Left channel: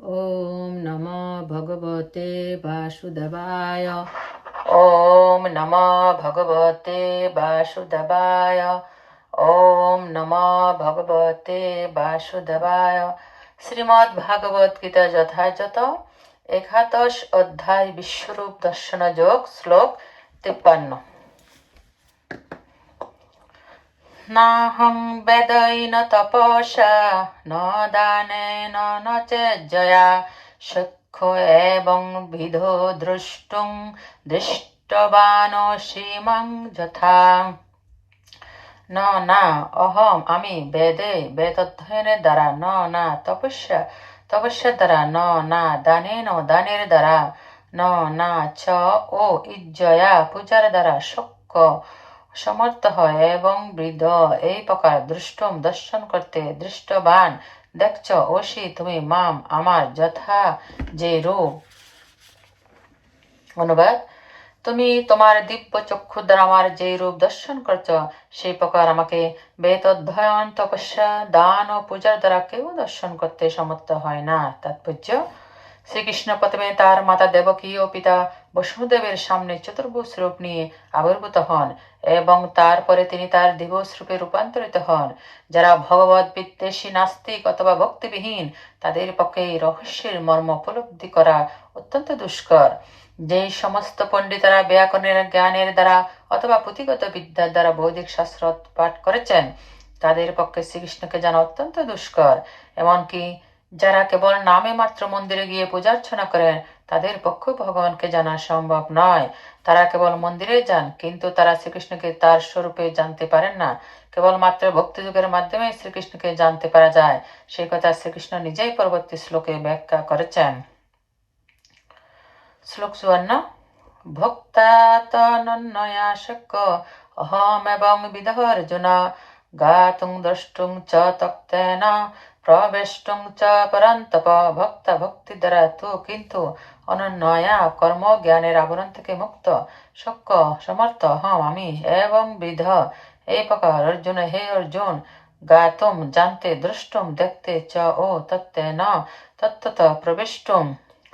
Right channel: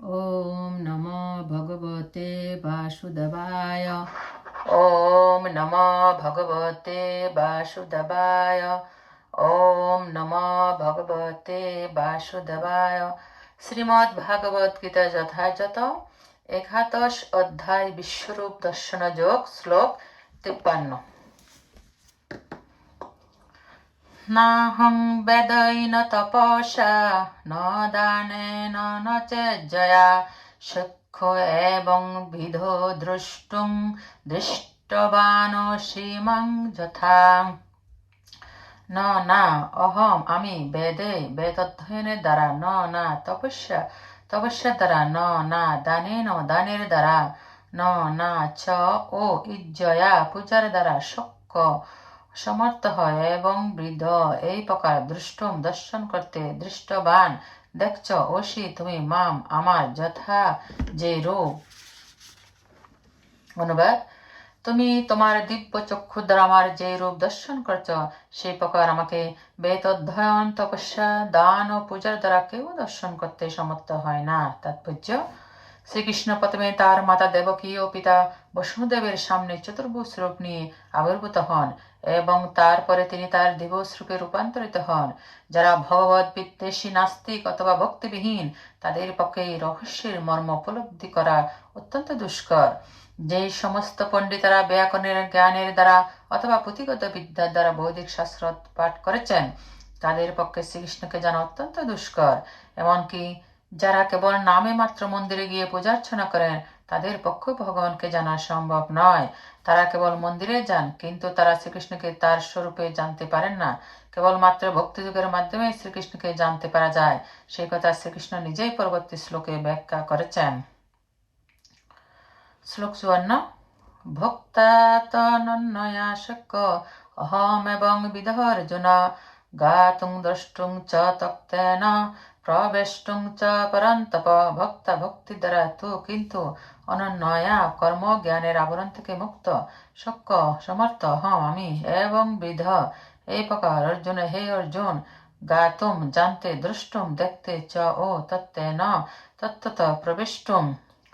ॐ नमो भगवते वासुदेवाय ॐ नमो भगवते वासुदेवाय ॐ नमो भगवते বাসুদেবায় শ্রীমদ্ ভাগবত গীতা যথাযথ একাদশ অধ্যায় বিশ্বরূপ দর্শন যোগ শ্লোক তিপ্পান্ন नाहं वेदैन तपसा न दानेन न चेज्जया शक्यो एवं विधो द्रष्टुं দৃষ্টবানসি মাং যথা ন না অহম আমি বেদে বেদ অধ্যয়নের দ্বারা ন না তপস্যা তপস্যার দ্বারা ন না দানেন দানের দ্বারা ন না চ ও ইজ্জয়া পূজার দ্বারা শক্য সমর্থ হয় এবং বৃদ্ধ, এই প্রকার দৃষ্টম দর্শন করতে দৃষ্টবান। দেখছ ওসি, তুমি মাম, আমার যথা যে রূপ। অনুবাদ, তুমি তোমার দিব্য চক্ষু দ্বারা আমার যে রূপ দর্শন করছ সেই প্রকার আমাকে বেদ অধ্যয়ন তপস্যা, দান ও পূজার দ্বারা কেউ দর্শন করতে সমর্থ হয় না। তাৎপর্য, শ্রীকৃষ্ণ প্রথমে তার মাতা দেবকী ও পিতা বসুদেবের সামনে চতুর্ভুজ রূপ নিয়ে আবির্ভূত হন। এবং তারপরে তিনি তার দিবস রূপে রূপান্তরিত হন। যারা ভগবত বিদ্বেষী, নাস্তিক অথবা ভক্তিবিহীন, তাদের পক্ষে এই রহস্যের মর্ম উপলব্ধি করা অত্যন্ত দুষ্কর। যেই সমস্ত পণ্ডিতরা ব্যাকরণের, জ্ঞানের দ্বারা অথবা পুঁথিগত বিদ্যার দ্বারা বৈদিক শাস্ত্র পাঠ করেছেন, তাদের পক্ষে শ্রীকৃষ্ণকে জানা অত্যন্ত দুষ্কর। এমনকি যারা কেবল নামে মাত্র মন্দিরে গিয়ে পূজার্চনা করেন, তাদের পক্ষে ভগবানকে জানা সম্ভব নয়। তারা কেবল মন্দিরে যান, কিন্তু তারা শ্রীকৃষ্ণকে তার স্বরূপে জানতে পারেন না। কেবল মাত্র ভক্তিযুগের মাধ্যমে শ্রীকৃষ্ণকে জানতে পারা যায়। সেই কথা শ্রীকৃষ্ণ নিজেই পরবর্তী শ্লোকে ব্যাখ্যা করেছেন। শ্লোক চুয়ান্ন ভক্তাতনন্নয়া শক্য অহম এবং বিধ অর্জুন গাতুং দ্রষ্টুং চ তক্তেন প্রবেষ্টুং চ পরন্তপ ভক্তা ভক্তি দ্বারা তো কিন্তু অনন্যয়া কর্ম জ্ঞানের আবরণ থেকে মুক্ত শক্য সমর্থ হম আমি এবং বিধ প্রকার অর্জুন, হে অর্জুন, গাতুম জানতে দ্রষ্টুম দেখতে চ ও তত্ত্বে ন, তত্ত্বত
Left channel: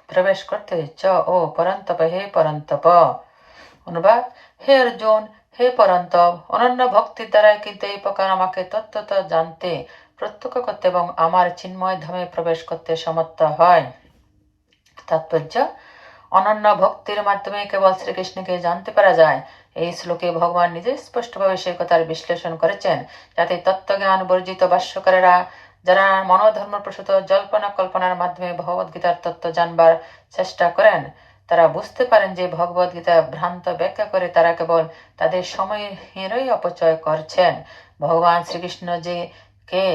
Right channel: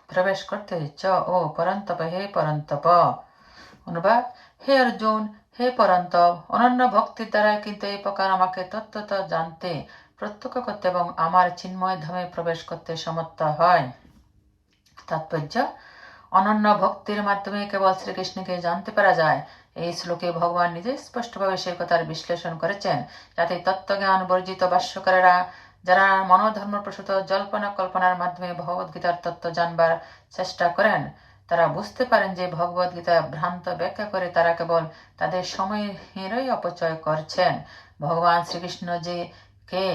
প্রবেশ করতে চ ও পরন্তপ, হে পরন্তপ। অনুবাদ, হে অর্জুন, হে পরন্তপ, অনন্য ভক্তির দ্বারাই কিন্তু এই প্রকার আমাকে তত্ত্বত জানতে প্রত্যক্ষ করতে এবং আমার চিন্ময় ধামে প্রবেশ করতে সমর্থ হয়। তাৎপর্য, অনন্য ভক্তির মাধ্যমে কেবল শ্রীকৃষ্ণকে জানতে পারা যায়। এই শ্লোকে ভগবান নিজে স্পষ্টভাবে সেই কথার বিশ্লেষণ করেছেন, যাতে তত্ত্বজ্ঞান, বর্জিত ভাষ্যকারেরা, যারা মনোধর্ম প্রসূত জল্পনা কল্পনার মাধ্যমে ভগবদ্গীতার তত্ত্ব জানবার চেষ্টা করেন, তারা বুঝতে পারেন যে ভগবদ গীতা ভ্রান্ত ব্যাখ্যা করে তারা কেবল তাদের সময়েরই অপচয় করছেন। ভগবান শ্রীকৃষ্ণ যে কে?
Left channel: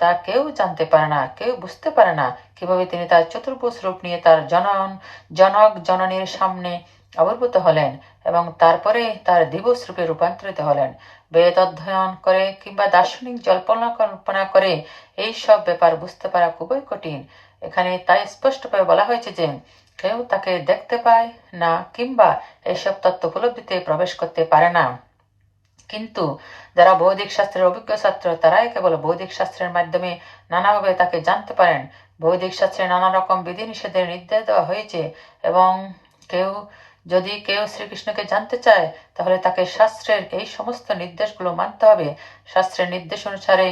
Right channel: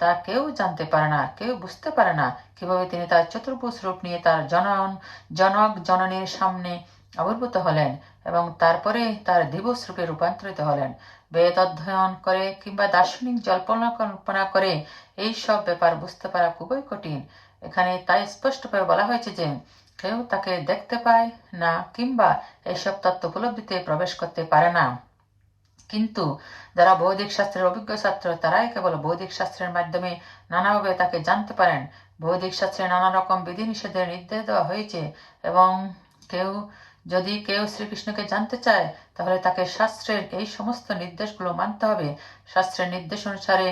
তা কেউ জানতে পারে না, কেউ বুঝতে পারে না কীভাবে তিনি তার চতুর্ভুজ রূপ নিয়ে তার জনন জনক, জননীর সামনে আবির্ভূত হলেন এবং তারপরে তার দিবস রূপে রূপান্তরিত হলেন। বেদ অধ্যয়ন করে কিংবা দার্শনিক জল্পনা কল্পনা করে এই সব ব্যাপার বুঝতে পারা খুবই কঠিন। এখানে তাই স্পষ্টভাবে বলা হয়েছে যে, কেউ তাকে দেখতে পায় না কিংবা এইসব তত্ত্ব উপলব্ধিতে প্রবেশ করতে পারে না। কিন্তু যারা বৈদিক শাস্ত্রের অভিজ্ঞ ছাত্র, তারাই কেবল বৈদিক শাস্ত্রের মাধ্যমে নানাভাবে তাকে জানতে পারেন। বৈদিক শাস্ত্রে নানা রকম বিধিনিষেধের নির্দেশ দেওয়া হয়েছে এবং কেউ, যদি কেউ শ্রীকৃষ্ণকে জানতে চায়, তাহলে তাকে শাস্ত্রের এই সমস্ত নির্দেশগুলো মানতে হবে। শাস্ত্রের নির্দেশ অনুসারে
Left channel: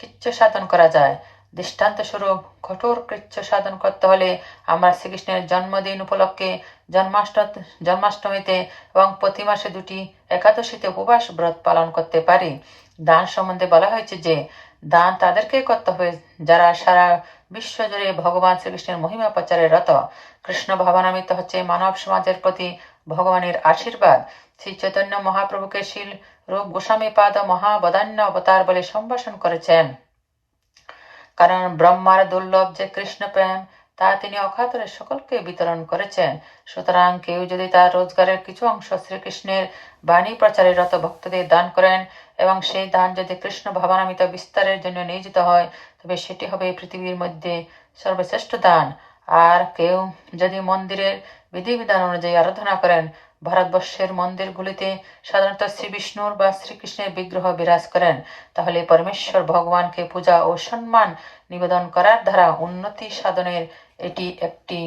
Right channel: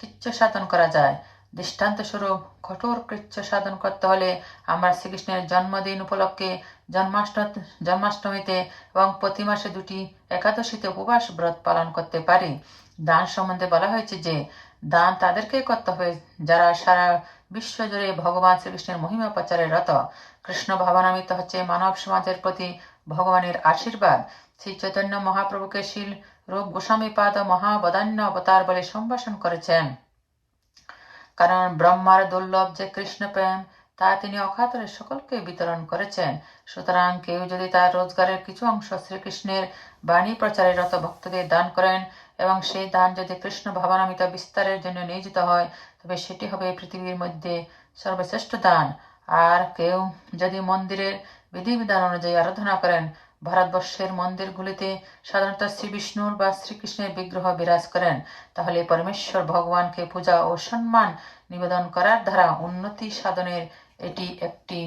কিচ্ছু সাধন করা যায়। দৃষ্টান্ত স্বরূপ কঠোর কৃচ্ছ সাধন করতে হলে আমরা শ্রীকৃষ্ণের জন্মদিন উপলক্ষে জন্মাষ্ট জন্মাষ্টমীতে এবং প্রতি মাসে দুটি একাদশীতে উপবাস ব্রত পালন করতে পারি। দান সম্বন্ধে বলা হয়েছে যে, দান তাদেরকে করতে হবে যারা সারা বিশ্ব জুড়ে ভগবান শ্রীকৃষ্ণের মহিমা প্রচারে রত। কৃষ্ণ ভাবনামিত হচ্ছে মানব সমাজের প্রতি ভগবানের আশীর্বাদ। শ্রী চৈতন্য মহাপ্রভুকে শীল রূপ গোস্বামী পাদ মহাবদান্য অবতার বলে সম্ভাষণ করেছেন। কারণ ব্রহ্মার দুর্লভ যে কৃষ্ণ প্রেম, তা তিনি অকাতরে সকলকে বিতরণ করেছেন। সুতরাং কেউ যদি তার রোজগারের কিছু অংশ শ্রীকৃষ্ণের বাণী প্রচারের রত ভক্তদের দান করেন এবং সেই দান যদি কৃষ্ণ ভাবনামিত বিস্তারের জন্য নিয়োজিত হয়, তবে সেটি হবে পৃথিবীর মধ্যে সর্বশ্রেষ্ঠ দান। আর কেউ যদি মন্দিরের বিধিবিধান অনুযায়ী আরাধনা করেন ভারতবর্ষের মন্দিরগুলিতে সাধারণত শ্রী বিষ্ণুর বা শ্রীকৃষ্ণের বিগ্রহ বিরাজ করেন। তাহলে পরমেশ্বর ভগবানকে পূজা ও সম্মান নিবেদন করার দ্বারা উন্নতি সাধনের এটি একটি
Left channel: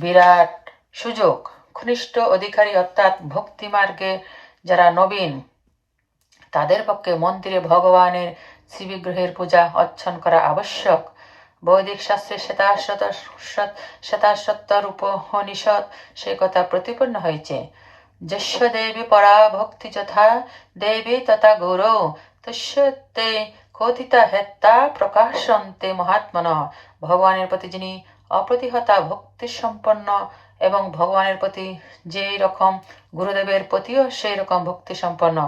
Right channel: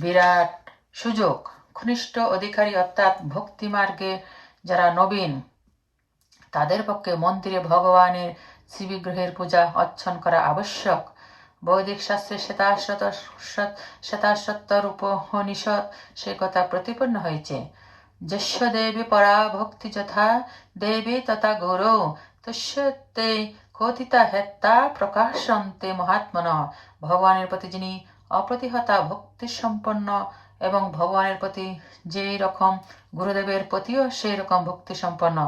বিরাট সুযোগ। ঘনিষ্ঠ অধিকারী অর্থাৎ ভক্তি মার্গে যারা নবীন, তাদের পক্ষে মন্দিরে ভগবানের শিবিগ্রহের পূজা অর্চন করা আবশ্যক। বৈদিক শাস্ত্রে শ্বেতাশ্বত শ্বেতাশ্বত্তর উপনিষদ সে কথা প্রতিপন্ন হয়েছে। যস্য দেবী পরা ভক্তি যথা, দেবী তথা গৌরব তস্যতে কথিতা হেত্তা প্রকাশন্তে মহাত্মন। ভগবানের প্রতি যিনি অপ্রতিহতা ভক্তি সম্পন্ন এবং ভগবানের প্রতি যেই রকম গুরুদেবের প্রতিও সেই রকম ভক্তি সম্পন্ন,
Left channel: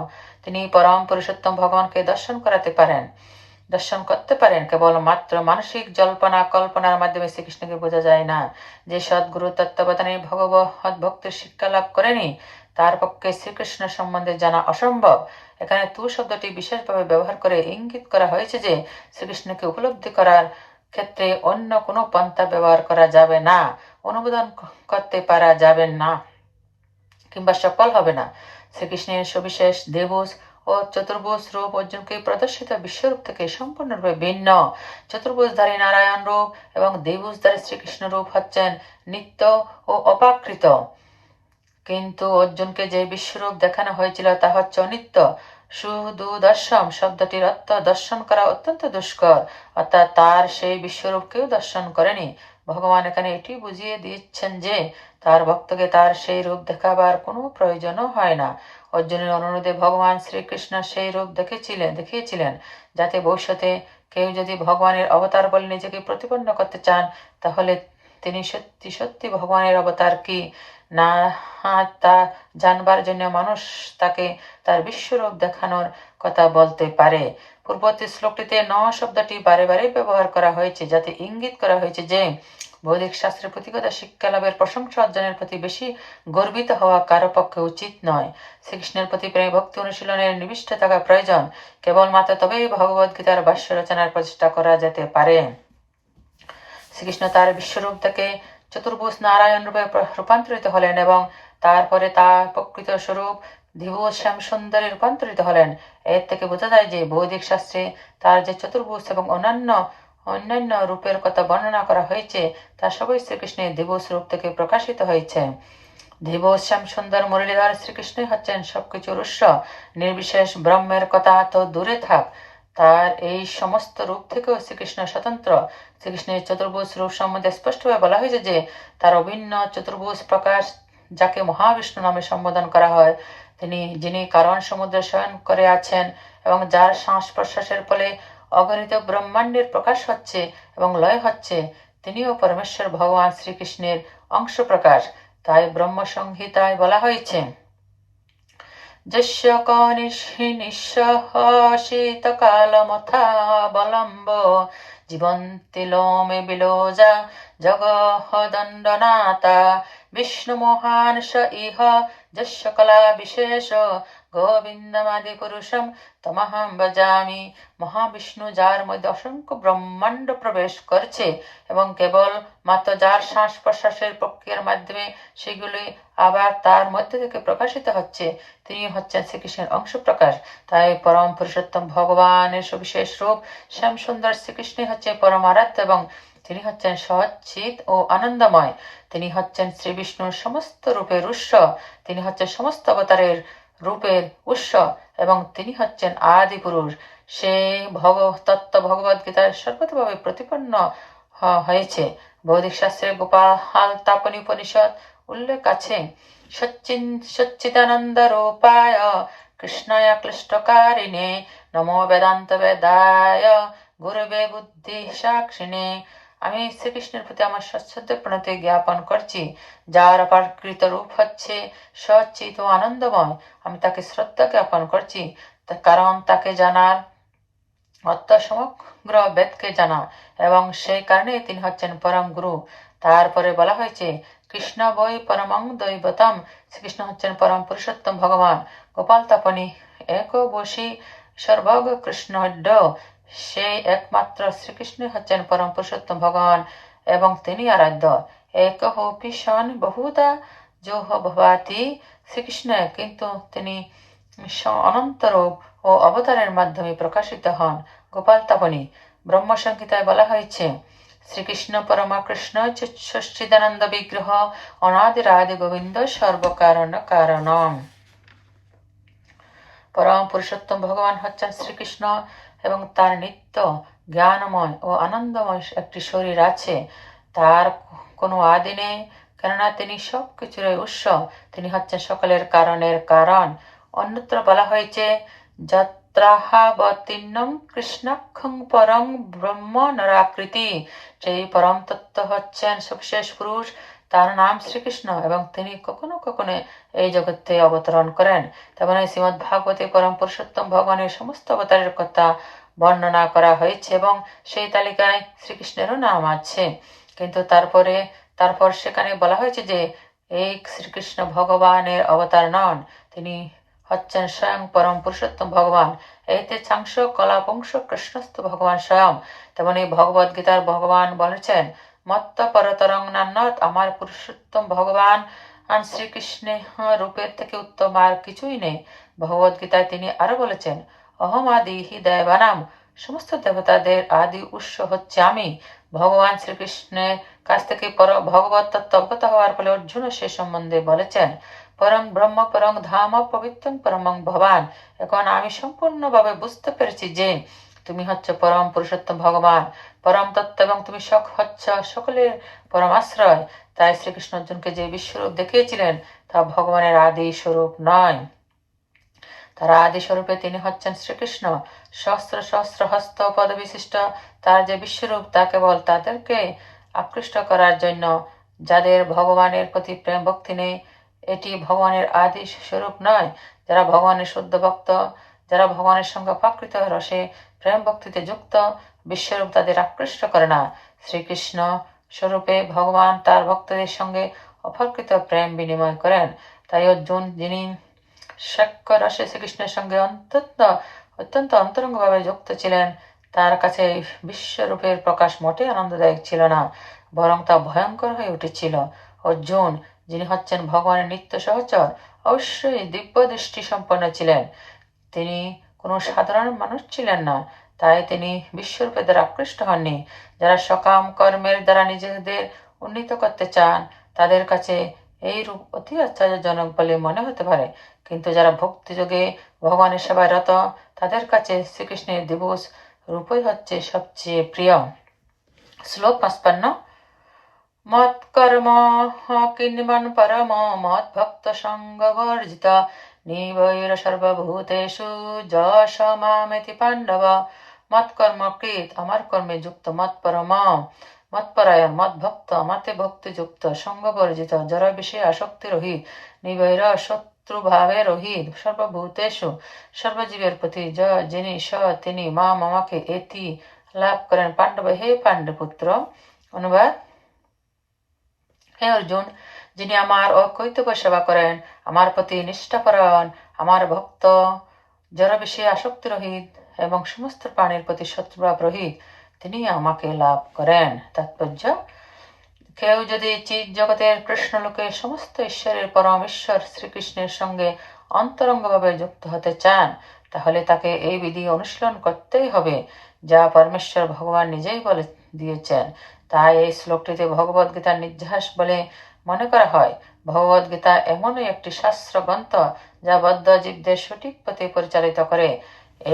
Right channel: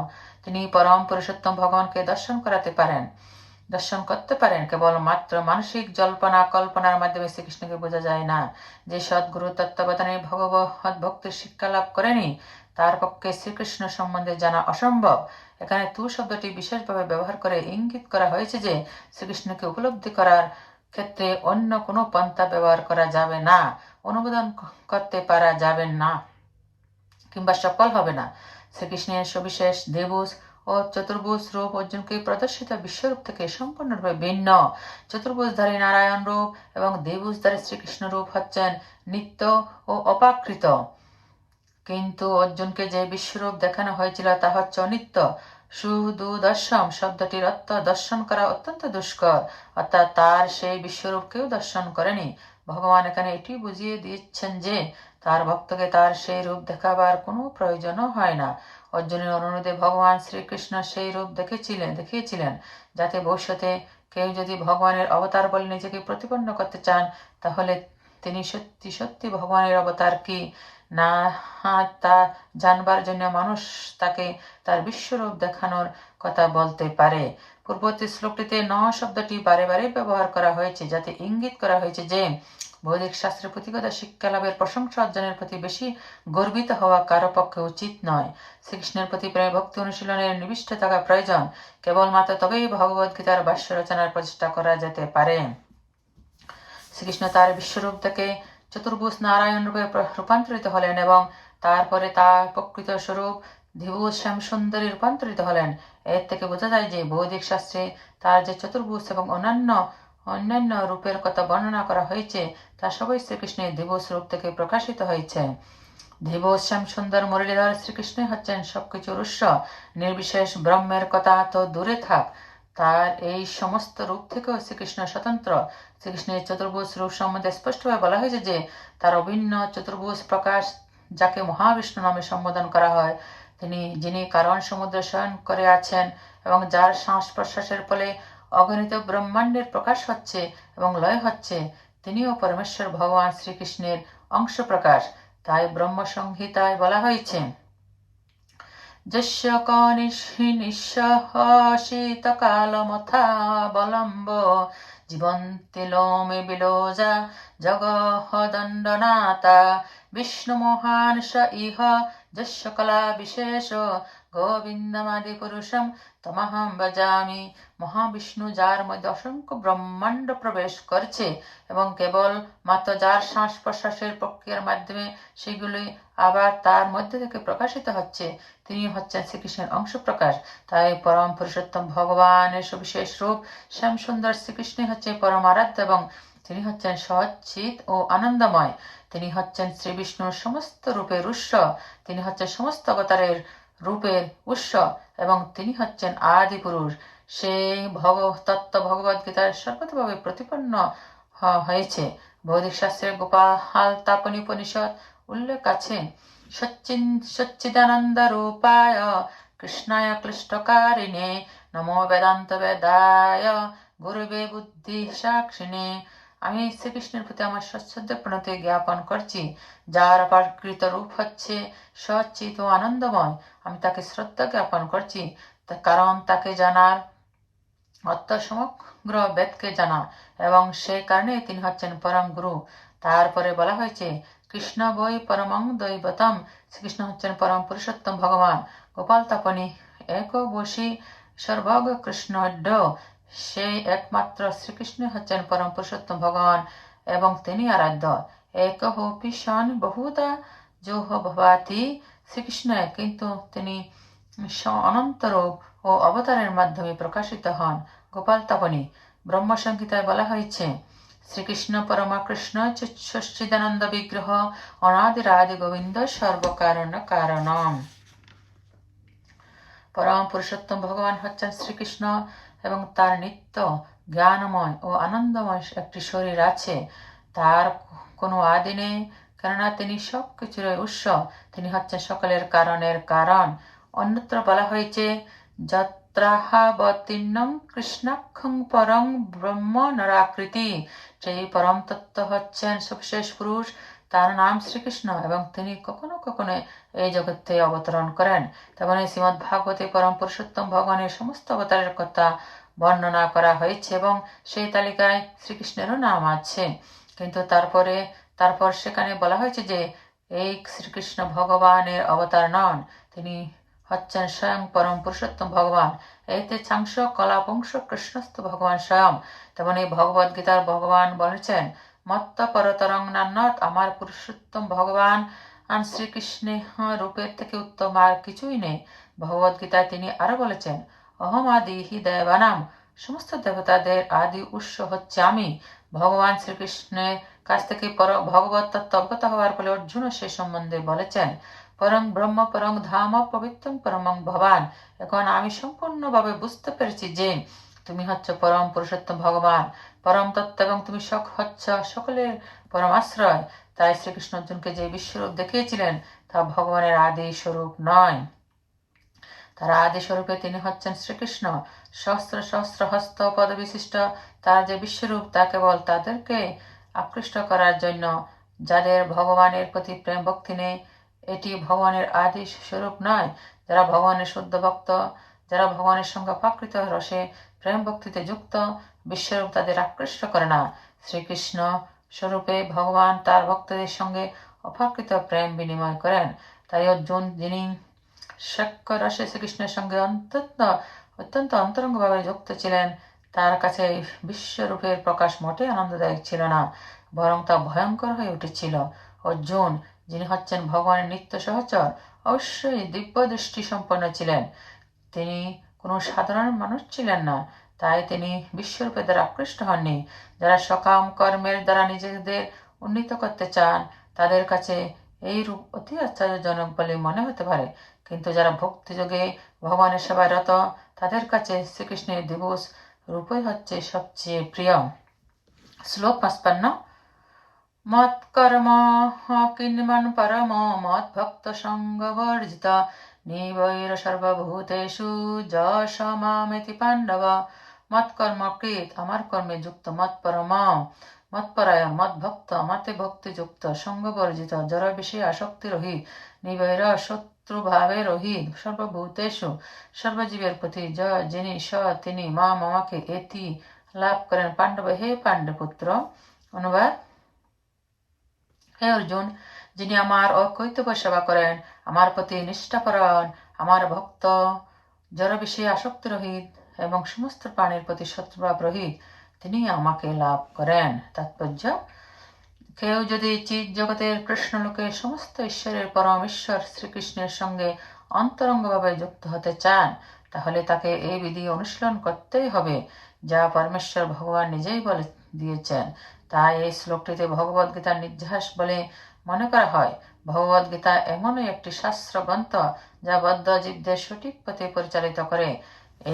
তিনি পরম পুরুষোত্তম ভগবানকে দর্শন করাতে পারেন। দর্শন করতে পারেন। কেবল মাত্র মানসিক জল্পনা কল্পনার মাধ্যমে শ্রীকৃষ্ণকে বোঝা যায় না যে সদ্গুরু তত্ত্বাবধানে ভগবত ভক্তির শিক্ষা লাভ করেনি। তার পক্ষে শ্রীকৃষ্ণ সম্বন্ধে জানা অসম্ভব। এখানে তু শব্দটি বিশেষভাবে ব্যবহার করে ইঙ্গিত করা হয়েছে যে শ্রীকৃষ্ণকে উপলব্ধি করার ক্ষেত্রে অন্য কোনো পন্থা ব্যবহার করা যাবে না, অনুমোদন করতে পারা যাবে না কিংবা সফল হবে না। শ্রীকৃষ্ণের সবিশেষ দেবুজ ও চতুর্ভুজ রূপ অর্জুনকে প্রদর্শিত বিশ্বরূপ থেকে সম্পূর্ণরূপে ভিন্ন। চতুর্ভুজধারী নারায়ণ রূপ এবং দেবুজধারী শ্রীকৃষ্ণ রূপ হচ্ছেন নিত্য ও অপাকৃত। কিন্তু অর্জুনকে যে বিশ্বরূপ দেখানো হয়েছিল তা হচ্ছে অনিত্য। সুদুদর্শন শব্দটির অর্থ দর্শন করা অত্যন্ত দুষ্কর, অর্থাৎ তার সেই বিশ্বরূপ কেউ দর্শন করেনি। ভগবান এখানে এটি বুঝিয়ে দিচ্ছেন যে তার ভক্তকে তার সেই রূপ দেখাবার কোনো প্রয়োজনও হয় না। অর্জুনের অনুরোধে ভগবান শ্রীকৃষ্ণ সেই রূপ দেখেছিলেন, দেখিয়েছিলেন, যাতে ভবিষ্যতে কেউ যদি ভগবানের অবতার বলে নিজেকে প্রতিপন্ন করতে চান, তাহলে তিনি সত্যি সত্যি ভগবানের অবতার কি? না, তা জানবার জন্য মানুষ তাকে তার বিশ্বরূপ দেখানোর কথা বলতে পারে। পূর্ববর্তী শ্লোকটিতে ন শব্দটি বারে বারে ব্যবহার করা হয়েছে, যাতে ইঙ্গিত করা হয়েছে যে বৈদিক শাস্ত্রের প্রতিগতা শিক্ষা লাভের প্রশংসা অর্জনের প্রতি বেশি গর্বিত হওয়া কারও পক্ষে উচিত নয়। শ্রীকৃষ্ণের প্রতি প্রেম ভক্তি অনুশীলনের নিবিষ্ট থাকা প্রয়োজন। কেবলমাত্র তবেই ভগবদ গীতার ভাষ্য রচনার প্রচেষ্টা করা যেতে পারে। শ্রীকৃষ্ণ তার বিশ্বরূপ থেকে চতুর্ভুজ নারায়ণ রূপে রূপান্তরিত হলেন এবং তারপরে তার প্রকৃত স্বরূপ দিবস শ্যাম সুন্দরী রূপান্তরিত হলেন। এর থেকে বোঝা যায় যে বৈদিক শাস্ত্রে তার যে চতুর্ভুজ এবং অন্যান্য অন্যান্য রূপের কথা বর্ণনা করা হয়েছে, তা সবই শ্রীকৃষ্ণের দিবস রূপ থেকে প্রকাশিত হয়েছে। দিবস শ্যাম সুন্দর মুরলীধর শ্রীকৃষ্ণই হচ্ছেন সবকিছুর উৎস। নির্বিশেষ ব্রহ্মের কথা তো দূরে থাক। তার এই সমস্ত রূপ থেকেও শ্রীকৃষ্ণ স্বতন্ত্র। শ্রীকৃষ্ণের চতুর্ভুজ রূপ সম্বন্ধে স্পষ্টভাবে বলা হয়েছে যে, তার অভিন্ন চতুর্ভুজ প্রকাশ যাকে মহাবিষ্ণু নামে সম্বোধন করা হয় তিনি, যিনি কারণ সমুদ্রে শয়ন করে আছেন এবং যার শ্বাস প্রশ্বাসের ফলে অগণিত ব্রহ্মাণ্ডের প্রকাশ হচ্ছে এবং লয় হচ্ছে, তিনিও পরমেশ্বর ভগবান শ্রীকৃষ্ণের অংশ প্রকাশ। তাই ব্রহ্ম সংহিতায় বলা হয়েছে যস্য কনিষ্হি জগহদণ্ডনাতা বিষ্ণু মহান স ইহ যস্য কলা বিশেষ গোবিন্দমাদি পুরুষম তমহম বজামি মহাবিষ্ণু যার মধ্যে অসংখ্য ব্রহ্মাণ্ড প্রবেশ করছে এবং কেবল মাত্র যার শ্বাস প্রশ্বাসের প্রক্রিয়ার মাধ্যমে সেগুলি আবার তার মধ্যে থেকে প্রকাশিত হচ্ছে, তিনি হচ্ছেন শ্রীকৃষ্ণের অংশ প্রকাশ তাই পরম পুরুষোত্তম ভগবানের সুবিশেষ রূপ শ্যাম সুন্দর শ্রীকৃষ্ণই হচ্ছে পরম আরাধ্য এবং তিনি হচ্ছেন সচিত ও আনন্দময়। তিনি হচ্ছেন শ্রী বিষ্ণুর সমস্ত রূপের উৎস। তিনি হচ্ছেন সমস্ত অবতারের রূপের উৎস এবং তিনি হচ্ছেন আদি পুরুষ। সে ভগ তত্ত্ব ভগবদ গীতার সর্বতভাবে প্রতিপন্ন হয়েছে। বৌদ্ধিক শাস্ত্রে গোপাল তাপনি উপনিষদ উল্লেখ আছে, সচ্চিন, সচ্চিদানন্দ রূপায় কৃষ্ণায় ক্লিষ্টকারিণে, নমো বেদান্ত বেদায় গুরুবে বুদ্ধি সাক্ষিণে আমি শ্রীকৃষ্ণের প্রতি আমার সচ্ছন্দ প্রণতি জ্ঞাপন করছি। যার অপাকৃত রূপ হচ্ছে সচিত ও আনন্দময়। আমি তাকে শ্রদ্ধা জ্ঞাপন করছি। কারণ তাকে জানার সমগ্র বেদকে জানা এবং সেই কারণে তিনি হচ্ছেন পরম গুরু। তারপরে বলা হয়েছে, কৃষ্ণ বই পরমং দৈবতম। শ্রীকৃষ্ণ হচ্ছেন পরম পুরুষোত্তম ভগবান। গোপাল তাপনী এক বসি সর্বগ কৃষ্ণ সেই একমাত্র শ্রীকৃষ্ণ হচ্ছেন পরম পুরুষোত্তম ভগবান এবং তিনি আরাধ্য। এক পিসন বহুদা যোহ ভবাতি শ্রীকৃষ্ণ। কিন্তু তিনি অনন্ত রূপ ও অবতারের মাধ্যমে প্রকাশিত হন। গোপাল তাপনী ব্রহ্মসংহিতায় বলা হয়েছে, শ্রীকৃষ্ণ পরমা কৃষ্ণ সচ্চিদানন্দ বিগ্রহ অনাদির আদি গোবিন্দ সর্বকারণ কারণ পরম পুরুষোত্তম ভগবান হচ্ছেন শ্রীকৃষ্ণ। এবং তার নিত্য জ্ঞানময় ও আনন্দময় একটি শরীর আছে। তার কোনো আদি নেই, কেননা তিনি সব কিছুর উৎস। তিনি হচ্ছেন সকলের কারণের কারণ। অন্যত্র বলা হয়েছে যত্রাহাবতীর্ণম কৃষ্ণাক্ষং পরম ব্রহ্ম নরাকৃতি সেই পরম তত্ত্ব হচ্ছেন সুবিশেষ পুরুষ তার নাম শ্রীকৃষ্ণ এবং তিনি কখনো কখনো এই জগতে অবতরণ করেন। তেমনি শ্রীমদ ভাগবতী পরম পুরুষোত্তম ভগবানের সমস্ত অবতারের কথা বর্ণনা করা হয়েছে এবং সেই তালিকায় শ্রীকৃষ্ণেরও নাম আছে। কিন্তু তারপরে, তারপর সেখানে বলা হয়েছে যে, এই শ্রীকৃষ্ণ ভগবানের অবতার নন। তিনি হচ্ছেন স্বয়ং পরম পুরুষোত্তম ভগবান। এতে চাংশ কলাপংশ কৃষ্ণস্থ ভগবান স্বয়ং। তেমন এই ভগবদ গীতার ভগবান বলেছেন মত্ত পরতরং নান্নত আমার পুরুষোত্তম ভগবান। শ্রীকৃষ্ণের রূপের থেকে উত্তম আর কিছুই নেই। ভগবদ গীতায় তিনি আরও বলেছেন, অহম আদি হি দেবানাম, সমস্ত দেবতাদের আদি উৎস হচ্ছে আমি। ভগবান শ্রীকৃষ্ণের কাছ থেকে পর ভগবত তত্ত্ব হওয়ার ফলে অর্জুন সে সম্বন্ধে বলেছেন, পরম ব্রহ্ম, পরম ধাম, পবিত্রম, পরমং ভবান। এখন আমি সম্পূর্ণভাবে বুঝতে পেরেছি যে তুমি হচ্ছে পরম পুরুষোত্তম ভগবান। পরম তত্ত্ব এবং তুমি সখ হচ্ছ, সকলের পরম আশ্রয়। তাই শ্রীকৃষ্ণ অর্জুনকে যে বিশ্বরূপ দেখিয়েছিলেন, তা ভগবানের আদি স্বরূপ নয়। তার আদি স্বরূপে তিনি হচ্ছেন শ্রীকৃষ্ণ। সহস্র সহস্র হস্ত পদ বিশিষ্ট, তার যে বিশ্বরূপ, তা কেবল তাদেরকে আকৃষ্ট করার জন্য। যাদের ভগবানের প্রতি প্রেম ভক্তি নেই, এটি ভগবানের আদি স্বরূপ নয়। যারা ভগবানের শুদ্ধ ভক্ত, যারা ভগবানের সঙ্গে প্রাকৃত রসে প্রেম ভক্তিতে যুক্ত, বিশ্বরূপ তাদের আকৃষ্ট করে না। শ্রীকৃষ্ণ স্বরূপে ভগবান তার ভক্তদের সঙ্গে অপাকৃত প্রেম বিনিময় করেন। তাই অর্জুন, যিনি সাক্ষ্য শ্রীকৃষ্ণের সঙ্গে অত্যন্ত অত্যন্ত অন্তরঙ্গভাবে যুক্ত ছিলেন, তার কাছে বিশ্বরূপের প্রকাশ মোটে আনন্দদায়ক ছিল না, বরং তা ভয়ঙ্কর হয়ে উঠেছিল। অর্জুন, যিনি হচ্ছেন ভগবানের নিত্য সহচর, অবশ্যই দিব্য দৃষ্টি সম্পন্ন ছিলেন। তিনি কোনো সাধারণ মানুষ ছিলেন না। তাই তিনি বিশ্বরূপে দ্বারা আকৃষ্ট হননি। যারা সকাম কর্মের দ্বারা নিজেদের উন্নীত করতে চান, তাদের কাছে এই রূপ অতি আশ্চর্যজনক বলে মনে হতে পারে। কিন্তু যারা ভক্তিযোগে ভগবানের সেবায় রত তাদের কাছে শ্রীকৃষ্ণের দিবস রূপই হচ্ছে সবচেয়ে প্রিয়। শ্লোক পাঁচপান্ন। মত কর্ম কিন্মন পরম মত ভক্ত নিবৈর সর্বভূতেষু যশ মামেতি পাণ্ডব মত কর্ম কৃত আমার কর্মে যুক্ত মত পরম মৎপরায়ণ মত ভক্ত মতে ভক্তিযুক্ত সঙ্গ বর্জিত যারা বিষয়ে আসক্তি রহিত নিবৈর শত্রুভাবে রহিত সর্বভূতেষু সর্বজীবের প্রতি য যিনি স তিনি মা মামাকে এতি লাভ করেন পাণ্ডব হে পাণ্ডপুত্র অনুবাদ হে অর্জুন যিনি আমার অকৈতব্য সেবা করেন, আমার প্রতি নিষ্ঠাপরায়ণ আমার ভক্ত যারা বিষয়ে আসক্তি রহিত এবং সমস্ত প্রাণীর প্রতি শত্রুভাব রহিত, তিনি আমাকে লাভ করেন। তাৎপর্য, কেউ যদি চিৎ জগতের কৃষ্ণ লোকে সমস্ত ঈশ্বরের পরম ঈশ্বর শ্রীকৃষ্ণের সঙ্গে অন্তরঙ্গভাবে যুক্ত হতে চান, তাহলে তাকে এই বিধি অনুশীলন করতেই হবে, যা পরমেশ্বর ভগবান নিজেই বলে দিয়েছেন। তাই এই শ্লোকটিতে ভগবদ গীতার নির্যাস বলে মনে করা হয় ভগবদ গীতা এমনই একটি শাস্ত্র গ্রন্থ যা বদ্ধ জীবদের সঠিক পথে পরিচালিত করে।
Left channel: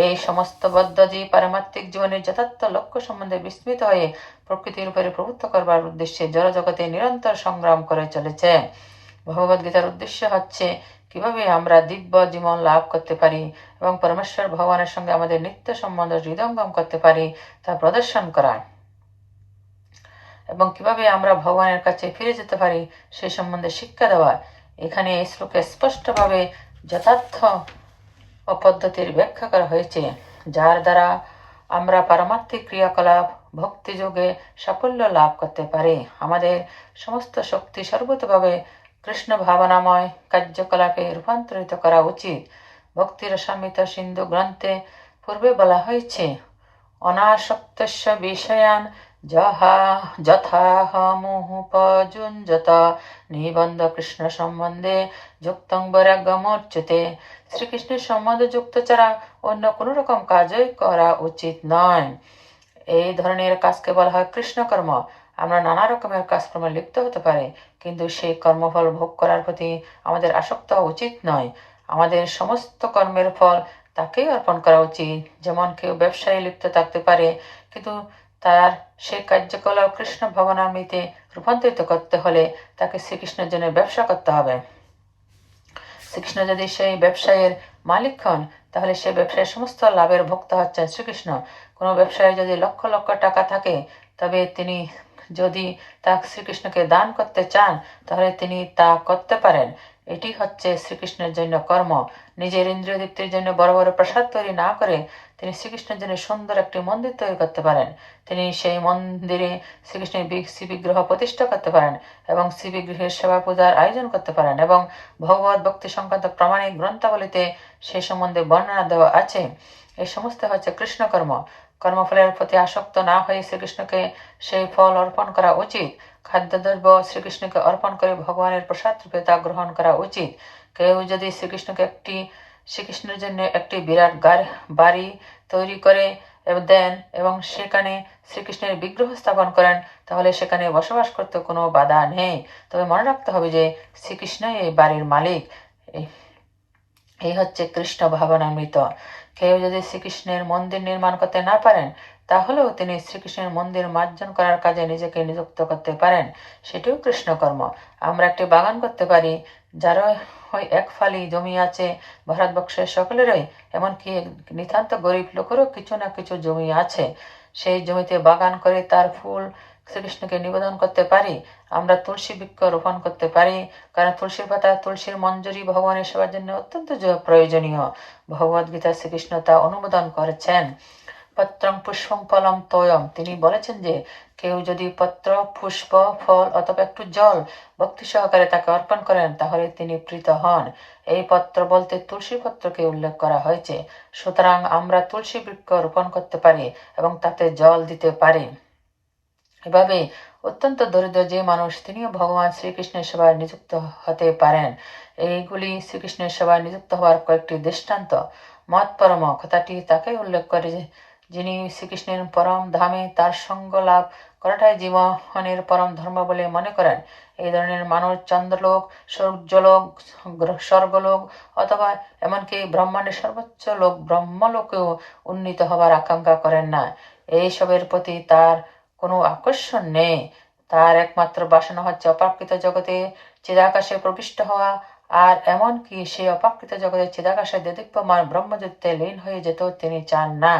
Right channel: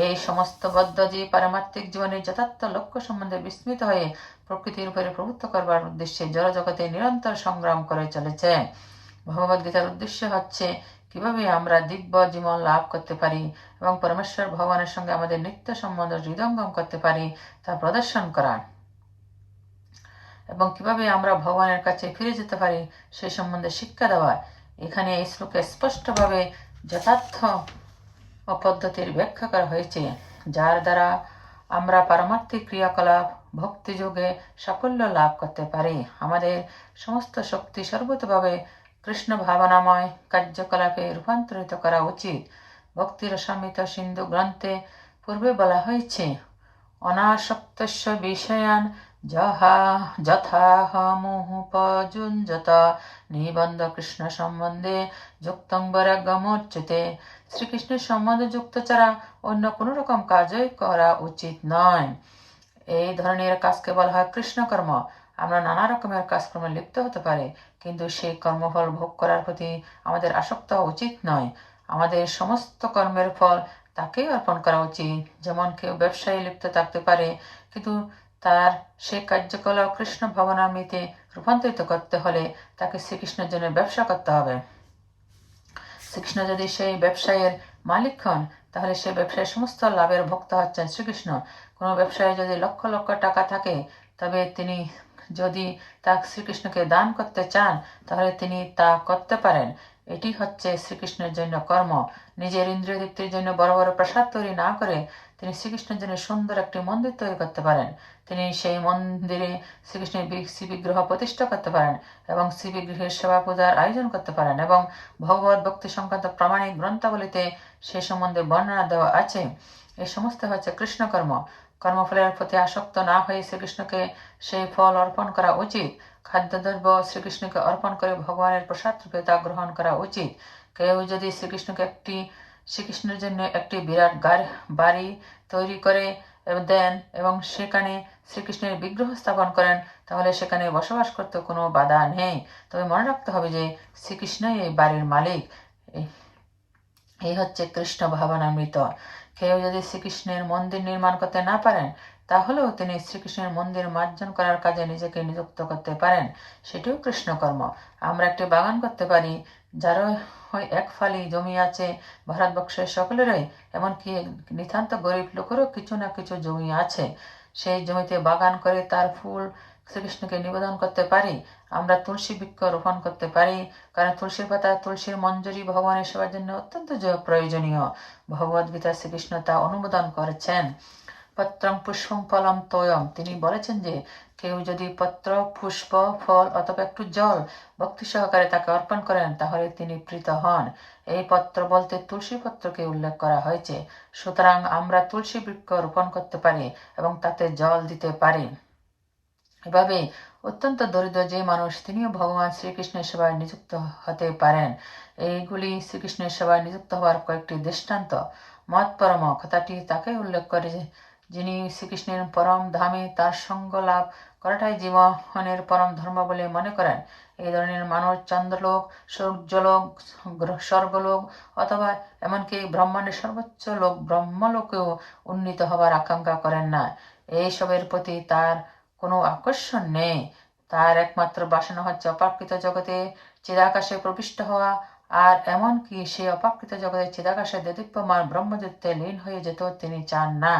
এই সমস্ত বদ্ধজীব পারমাত্মিক জীবনের যথার্থ লক্ষ্য সম্বন্ধে বিস্মিত হয়ে প্রকৃতির উপরে প্রভুত্ব করবার উদ্দেশ্যে জড়জগতে নিরন্তর সংগ্রাম করে চলেছে। ভগবদ গীতার উদ্দেশ্য হচ্ছে কীভাবে আমরা দিব্য জীবন লাভ করতে পারি এবং পরমেশ্বর ভগবানের সঙ্গে আমাদের নিত্য সম্বন্ধ হৃদয়ঙ্গম করতে পারি তা প্রদর্শন করা। এবং কীভাবে আমরা ভগবানের কাছে ফিরে যেতে পারি সেই সম্বন্ধে শিক্ষা দেওয়া, এখানে এই শ্লোকে স্পষ্টভাবে যথার্থ ও পদ্ধতির ব্যাখ্যা করা হয়েছে, যার দ্বারা আমরা পারমাত্মিক ক্রিয়াকলাপ ভক্তিযোগে সাফল্য লাভ করতে পারি। আমাদের সমস্ত শক্তি সর্বতভাবে কৃষ্ণ ভাবনাময় কার্যকলাপে রূপান্তরিত করা উচিত। ভক্তির সমিত সিন্ধু গ্রন্থে পূর্বে বলা হয়েছে, অনাসক্তস্য বিষয়ান যাহা যথাহমুপযুঞ্জত নিবন্ধ কৃষ্ণ সম্বন্ধে যুক্তং বৈরাগ্যমর্চুতে শ্রীকৃষ্ণের সম্বন্ধ যুক্ত ছাড়া অন্য কোনো রকম কাজই করা উচিত নয়। এই ধরনের কাজকে বলা হয় কৃষ্ণকর্ম। আমরা নানা রকমের কাজকর্মে লিপ্ত হতে পারে, কিন্তু সেই কর্মফল ভোগ করার প্রতি আমাদের আসক্ত হওয়া উচিত নয়। আমাদের সমস্ত কর্মের ফল তাকেই অর্পণ করা উচিত। যেমন কেউ ব্যবসায় লিপ্ত থাকতে পারে, কিন্তু তার সেই কার্যকলাপ কৃষ্ণ ভবনান্বিতে রূপান্তরিত করতে হলে তাকে শ্রীকৃষ্ণের জন্য ব্যবসা করতে হবে। শ্রীকৃষ্ণ যদি সেই ব্যবসায়ের মালিক হন, তাহলে সেই ব্যবসায়ের সমস্ত লাভের ভোক্তা হচ্ছেন শ্রীকৃষ্ণ। কোনো ব্যবসায় যদি লক্ষ লক্ষ টাকা থাকে, তবে তিনি যদি তা শ্রীকৃষ্ণকে দান করতে চান, তাহলে তিনি তা করতে পারেন। এটি হচ্ছে শ্রীকৃষ্ণের জন্য কর্ম। নিজের ইন্দ্রিয় দীপ্তির জন্য বড় বড় প্রসাদ তৈরি না করে তিনি শ্রীকৃষ্ণের জন্য সুন্দর একটি মন্দির তৈরি করতে পারেন। তিনি সেই মন্দিরে শ্রীকৃষ্ণের শ্রী বিগ্রহ প্রতিষ্ঠা করতে পারেন এবং শ্রী সেবা পূজার আয়োজন করতে পারেন এবং ভগবত ভক্তি সংক্রান্ত প্রামাণিক গ্রন্থাবলীতে সেই সম্বন্ধে বর্ণনা দেওয়া আছে। এই সমস্ত হচ্ছে কৃষ্ণকর্ম। কর্মফলের প্রতি আসক্ত না হয়ে শ্রীকৃষ্ণকে সেই ফল অর্পণ করা উচিত। খাদ্যদ্রব্য শ্রীকৃষ্ণকে অর্পণ করে ভগবানের প্রসাদ রূপে তা গ্রহণ করা উচিত। কেউ যদি শ্রীকৃষ্ণকে একটি শ্রীকৃষ্ণের জন্য একটি বিরাট বাড়ি তৈরি করে দেন এবং সেখানে শ্রীকৃষ্ণের বিগ্রহ স্থাপন করেন, তাহলে সেখানে বসবাস করতে কোনো বাধা নেই। তবে মনে রাখতে হবে যে শ্রীকৃষ্ণ এই বাড়ির মালিক। এই হচ্ছে কৃষ্ণ ভাবনামৃত। কেউ যদি শ্রীকৃষ্ণের মন্দির নির্মাণ করতে না পারেন, তাহলেও তিনি শ্রীকৃষ্ণের মন্দির মার্জন করার কাজে নিজেকে নিযুক্ত করতে পারেন। সেটিও কৃষ্ণকর্ম। আমরা একটি বাগান করতে পারি, যারা এক ফালি জমি আছে ভারতবর্ষের সকলেরই, এমনকি নিতান্ত গরিব লোকেরও কিছু না কিছু জমি আছে। সেই জমিতে বাগান করে তার ফুল শ্রীকৃষ্ণকে নিবেদন করতে পারি, আমরা তুলসী বৃক্ষ রোপণ করতে পারি, কারণ তুলসীর পাতা, তুলসীর মঞ্জুরি ভগবানের সবার জন্য অত্যন্ত প্রয়োজনীয়। ভগবদ গীতা শ্রীকৃষ্ণ তা অনুমোদন করেছেন। পত্রম পুষ্পম ফলম তয়ম তিনি বলেছেন যে, কেউ যদি পত্র, পুষ্প, ফল অথবা একটু জল ভক্তি সহকারে তাকে অর্পণ করেন, তাহলে তিনি প্রীত হন। এই পত্র বলতে তুলসী পত্রকে উল্লেখ করা হয়েছে। সুতরাং আমরা তুলসী বৃক্ষ রোপণ করতে পারি এবং তাতে জল দিতে পারি। এভাবে অত্যন্ত দরিদ্র যে মানুষ, তিনিও ভগবান শ্রীকৃষ্ণের সেবায় নিযুক্ত হতে পারেন। এইগুলি শ্রীকৃষ্ণের সেবায় নিযুক্ত হওয়ার কয়েকটি দৃষ্টান্ত। মত পরম কথাটি তাকে উল্লেখ করে যিনি শ্রীকৃষ্ণের পরম ধামে তার সঙ্গ লাভ করাটাই জীবনের পরম ধর্ম বলে মনে করেন। এই ধরনের মানুষ চন্দ্রলোক, সূর্যলোক স্বর্গলোক অথবা এমনকি ব্রহ্মাণ্ডের সর্বোচ্চ লোক, ব্রহ্মলোকেও উন্নীত হবার আকাঙ্ক্ষা করেন না। এইসবের প্রতি তার কোনো আকর্ষণ নেই। তার একমাত্র বাসনা হচ্ছে অপাকৃত জগতে চিরাকাশে প্রবিষ্ট হওয়া, আর এমনকি সে অপাকৃত জগতে চিদাকাশে দেদীপ্যমান ব্রহ্মযুদ্ধে লীন হয়ে যেত তিনি চান না।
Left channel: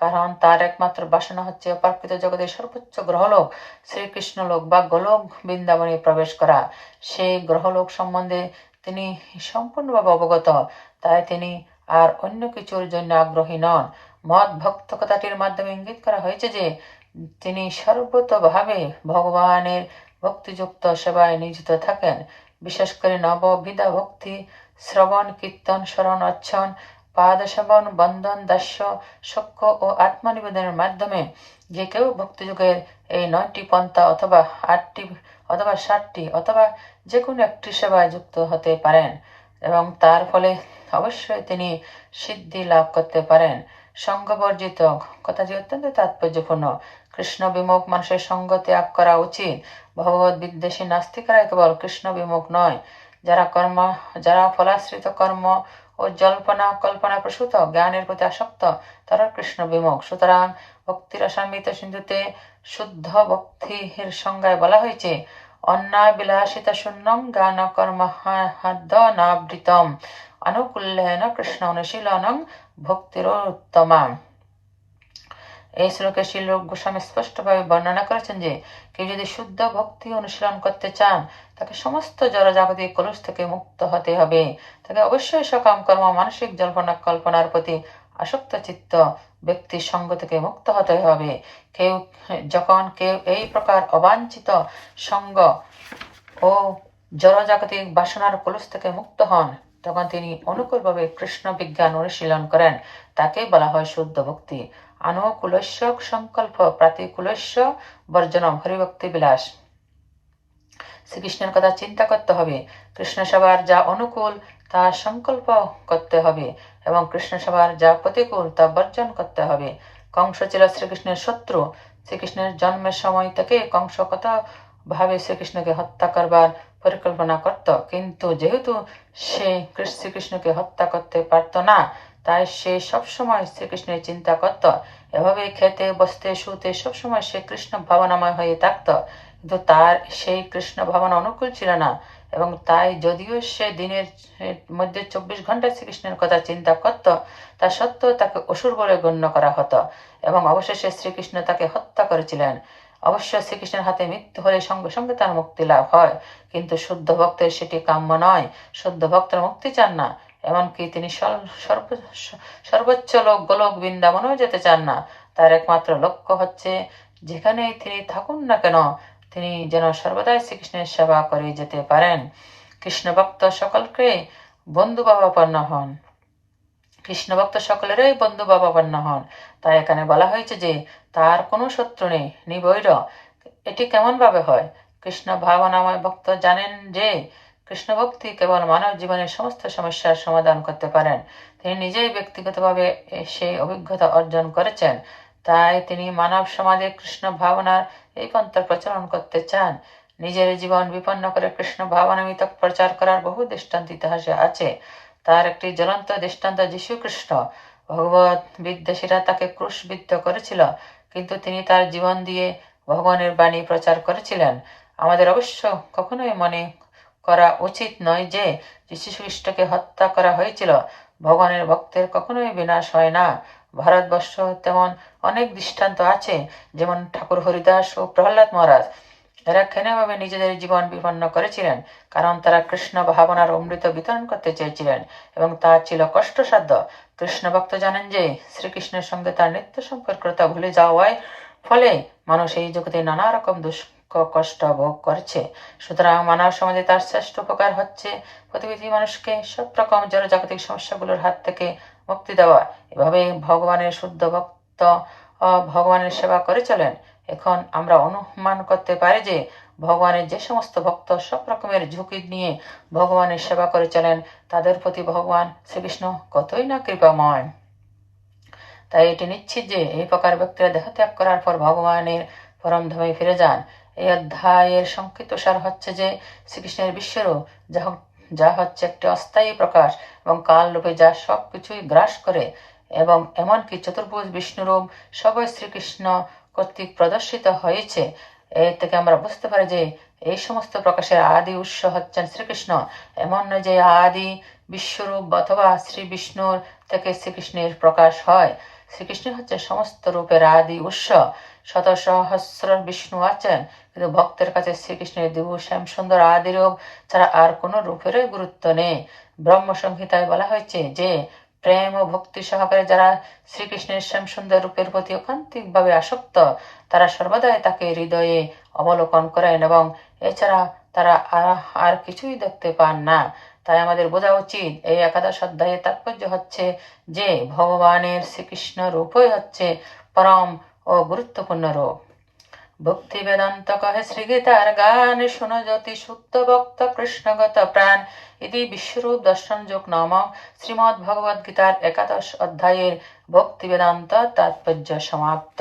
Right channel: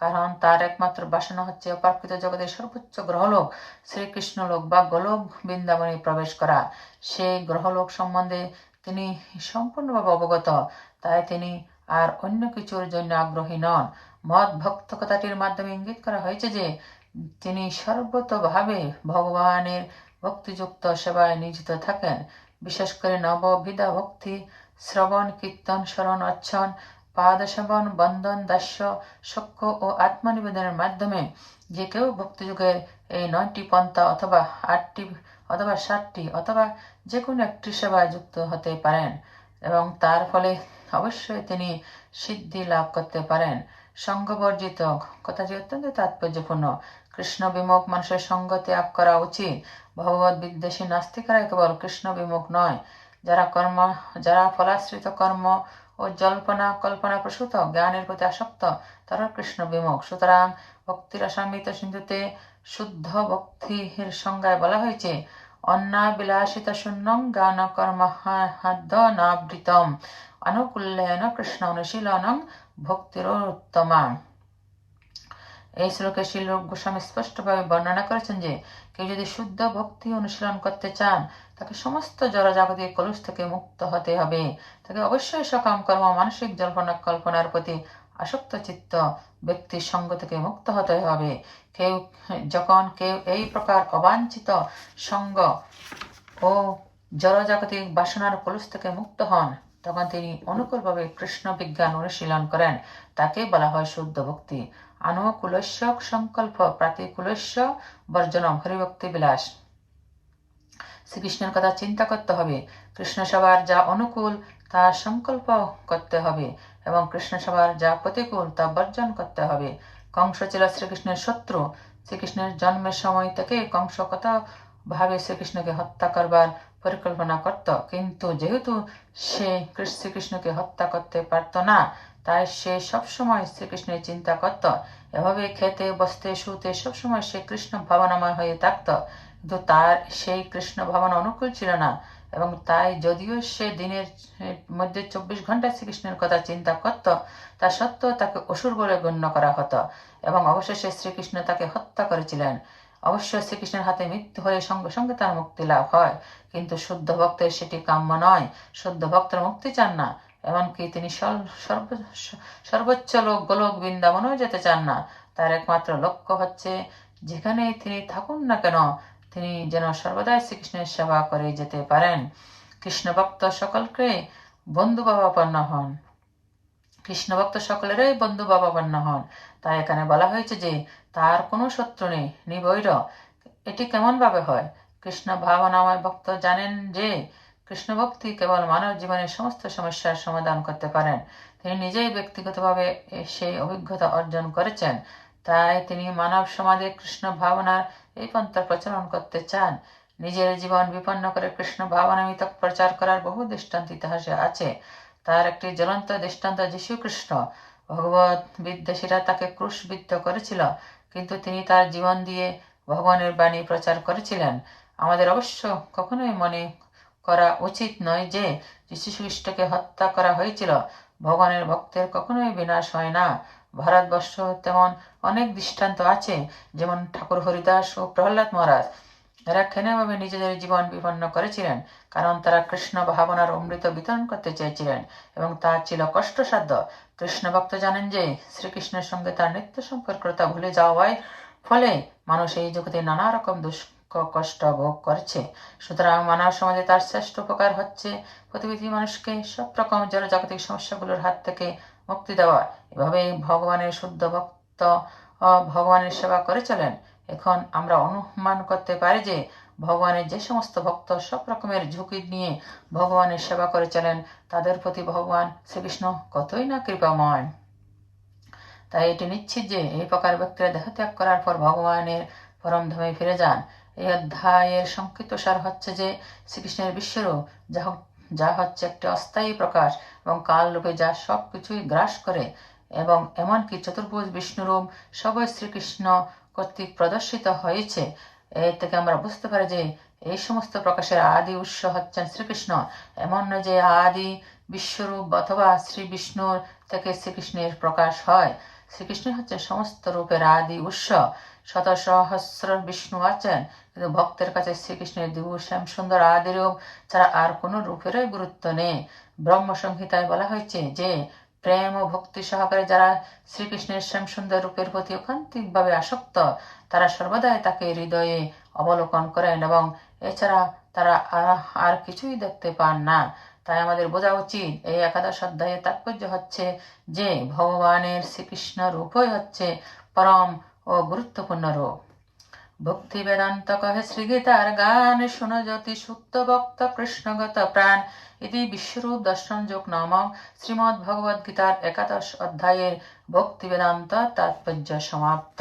কারণ তার একমাত্র বাসনা হচ্ছে অপাকৃত জগতের সর্বোচ্চ গ্রহলোক শ্রীকৃষ্ণ লোক বা গোলক বৃন্দাবনে প্রবেশ করা। সেই গ্রহলোক সম্বন্ধে তিনি সম্পূর্ণভাবে অবগত, তাই তিনি আর অন্য কিছুর জন্য আগ্রহী নন। মত ভক্ত কথাটির মাধ্যমে ইঙ্গিত করা হয়েছে যে, তিনি সর্বতভাবে ভগবানের ভক্তিযুক্ত সেবায় নিয়োজিত থাকেন। বিশেষ করে নববিধা ভক্তি, শ্রবণ, কীর্তন, স্মরণ অচ্ছন পাদসেবন বন্ধন দাস্য, সক্ষ ও আত্মনিবেদনের মাধ্যমে যে কেউ ভক্তিযুগের এই নয়টি পন্থা অথবা আটটি অথবা ষাটটি অথবা যে কোনো একটি সেবায় যুক্ত হতে পারেন এবং তার ফলে অবশ্যই তিনি সিদ্ধি লাভ করতে পারেন। সঙ্গবর্জিত কথাটি অত্যন্ত তাৎপর্যপূর্ণ। কৃষ্ণ বিমুখ মানুষের সঙ্গ ত্যাগ করা উচিত। ভগবত বিদ্বেষী নাস্তিকরা কেবল কৃষ্ণ বিমুখ নয়। যারা কর্ম, যারা ফলাশ্রিত কর্ম ও জল্পনা কল্পনা প্রসূত, জ্ঞানের প্রতি আসক্ত তারা কৃষ্ণ বিমুখ। সুতরাং ভক্তির অসামিত সিন্ধুতে শুদ্ধ ভক্তির সংজ্ঞায় বলা হয়েছে অন্না বিলাসিতা শূন্যম জ্ঞান কর্ম নাবৃতম অনুকূল্যেন কৃষ্ণ অনুশীলনম ভক্তির উত্তমা এই শ্লোকে শিল গোস্বামী স্পষ্টভাবে বর্ণনা করেছেন যে, কেউ যদি শুদ্ধ ভক্তি অনুশীলন করতে চান, তাকে সমস্ত জড়জাগতিক কলুষ থেকে মুক্ত হতে হবে। তাকে অবশ্যই সকাম কর্ম, মানসিক জল্পনা, কল্পনার প্রতি আসক্ত চিত্ত, ব্যক্তির সঙ্গ থেকে মুক্ত হতে হবে। কেউ, যখন কেউ এই প্রকার অবাঞ্ছিত সঙ্গ ও জড়জাগতিক বাসনার কলুষ থেকে মুক্ত হন তখন তিনি অনুকূলভাবে কৃষ্ণ বিজ্ঞান অনুশীলন করেন। তাকেই বলা হয় শুদ্ধ ভক্তি। আনুকুলস্য সংকল্প প্রাতিকুলস্য বর্জনম হরিভক্তি বিলাস। শ্রীকৃষ্ণের কথা চিন্তা করতে হবে। কৃষ্ণ সেবার যা অনুকূল, তা সংকল্প করতে হবে এবং কৃষ্ণ সেবার যা প্রতিকূল, তা বর্জন করতে হবে। কংস ছিল শ্রীকৃষ্ণের শত্রু। শ্রীকৃষ্ণের জন্মের সময় থেকে কংস কত ভাবে শ্রীকৃষ্ণকে হত্যা করবার পরিকল্পনা করত। কিন্তু যেহেতু সে শ্রীকৃষ্ণকে হত্যা করতে পারত না, তাই সে সবসময় শ্রীকৃষ্ণের চিন্তা করত। এভাবে খেতে, বসতে, শুতে সবসময় সে কৃষ্ণ ভাবনাময় হয়ে থাকত। কিন্তু তার সেই কৃষ্ণ ভাবনা অনুকূল ছিল না এবং তাই যদিও সে দিনের মধ্যে চব্বিশ ঘণ্টা শ্রীকৃষ্ণের কথা চিন্তা করত, তা সত্ত্বেও তাকে অসুর বলে গণ্য করা হতো এবং অবশেষে শ্রীকৃষ্ণ তাকে হত্যা করেছিলেন। অবশ্য শ্রীকৃষ্ণের হাতে মৃত্যু হলে সঙ্গে সঙ্গে তার মুক্তি লাভ হয়। কিন্তু শুদ্ধ ভক্তের সেটি কাম্য নয়। শুদ্ধ ভক্তরা মুক্তি চান না। এমনকি তিনি সর্ব- সর্ব- সর্বোচ্চ লোক গোলক বৃন্দাবনও যেতে চান না। তার একমাত্র লক্ষ্য হচ্ছে যেখানেই তিনি থাকুন না কেন, তিনি যেন সর্বদাই শ্রীকৃষ্ণের সেবা করে যেতে পারেন। কৃষ্ণ ভক্ত সকলকে বন্ধু বাবাপন্ন হন। কৃষ্ণ ভক্ত সকলেরই বন্ধু বাবাপন্ন হন। তাই এখানে বলা হয়েছে যে, তার কোনো শত্রু নেই নিবৈর এটি কেমন ভাবে হয়? কৃষ্ণ ভাবনাময় ভক্ত জানেন যে কৃষ্ণ ভক্তি কেবল মানব জীবনের সমস্ত সমস্যার সমাধান করতে পারেন। তিনি নিজেই ব্যক্তিগতভাবে সেই অভিজ্ঞতা অর্জন করেছেন। তাই তিনি মানব সমাজে কৃষ্ণ ভাবনার এই পন্থা প্রচলন করতে চান। নিজের জীবন বিপন্ন করে কৃষ্ণ ভাবনা ভাবনামিত প্রচার করার বহু দৃষ্টান্ত ইতিহাসে আছে। তার একটি জ্বলন্ত দৃষ্টান্ত যীশু কৃষ্ণ ভগবত বিদ্বেষীরা তাকে ক্রুশবিদ্ধ করেছিল, কিন্তু তিনি তার জীবন দিয়ে ভগবানের বাণী প্রচার করেছিলেন। আমাদের অবশ্য কখনোই মনে করা উচিত নয় যে যীশু খ্রিস্টকে হত্যা করা হয়েছিল। ভগবানের ভক্তের কখনোই বিনাশ হয় না। ভারতবর্ষ তেমন অনেক দৃষ্টান্ত আছে, যেমন ঠাকুর হরিদাস ও প্রহ্লাদ মহারাজ। এরা ক্ষেনেভাবে নিজেদের জীবন বিপন্ন করেছিলেন, কারণ তারা কৃষ্ণ ভাবনার অমৃত বিতরণ করতে চেয়েছিলেন এবং তা ছিল কষ্টসাধ্য। কৃষ্ণ ভক্ত জানেন যে, শ্রীকৃষ্ণের সঙ্গে তার নিত্য সম্পর্কতা ভুলে যাওয়ায় ফলে মানুষ এই জগতে নানা রকম দুঃখ, কষ্ট ভোগ করছে। সুতরাং মানব সমাজে তার শ্রেষ্ঠ উপকার হচ্ছে প্রতিবেদী মানুষকে সব রকম জড়জাগতিক সমস্যাগুলোর হাত থেকে মুক্তি দেওয়া। এভাবে ভগবানের শুদ্ধ ভক্ত ভগবানের সেবা করে চলেন। এখন আমরা অনুমান করতে পারি যে ভগবানের যে সমস্ত ভক্ত সব রকমের ঝুঁকি নিয়ে ভগবানের সেবা করে চলেন তাদের প্রতি ভগবান শ্রীকৃষ্ণ কতই না কৃপাময়। তাই এটি নিশ্চিত যে এই প্রকার ব্যক্তিরা দেহত্যাগ করার পর ভগবানের পরম ধামে ফিরে যান। এই অধ্যায়ের সংক্ষিপ্ত সার হচ্ছে যে শ্রীকৃষ্ণের বিশ্বরূপ, যা যা হচ্ছে একটি অস্থায়ী প্রকাশ এবং কাল রূপে যা সব কিছুই গ্রাস করে এবং এমনকি চতুর্ভুজ বিষ্ণুরূপ, সবই শ্রীকৃষ্ণ কর্তৃক প্রদর্শিত হয়েছে। এর থেকে আমরা বুঝতে পারি যে এই সমস্ত প্রকাশের আদি উৎস হচ্ছেন শ্রীকৃষ্ণ। এমন নয় যে আদি বিশ্বরূপ অথবা শ্রী বিষ্ণুর থেকে শ্রীকৃষ্ণের প্রকাশ হয়। শ্রীকৃষ্ণ হচ্ছে সমস্ত রূপের আদি উৎস। শত সহস্র বিষ্ণু আছেন, কিন্তু ভক্তের কাছে শ্রীকৃষ্ণের দিবু শ্যাম সুন্দর আদি রূপ ছাড়া আর কোনো রূপেরই গুরুত্ব নেই। ব্রহ্ম সংহিতায় বলা হয়েছে যে প্রেম ও ভক্তি সহকারে যারা শ্রীকৃষ্ণের শ্যাম সুন্দর রূপের প্রতি অকান্তিকভাবে আসক্ত, তারা সর্বদাই তাকে হৃদয়ে অবলোকন করেন এবং এছাড়া তারা আর- কিছুই দেখতে পান না। তাই আমাদের বোঝা উচিত, এই একাদশ অধ্যায়ের তাৎপর্য হচ্ছে যে ভগবানের শ্রীকৃষ্ণ রূপই হচ্ছে পরম ও গুরুত্বপূর্ণ রূপ। ভক্তি বেদান্ত কহে শ্রীগীতার গান শুন যতি সুপ্ত ভক্ত কৃষ্ণগত প্রাণ। ইতি বিশ্বরূপ দর্শন যোগ নামক শ্রীমৎ ভগবদ গীতার একাদশ অধ্যায়ের ভক্তি বেদান্ত তাৎপর্য সমাপ্ত।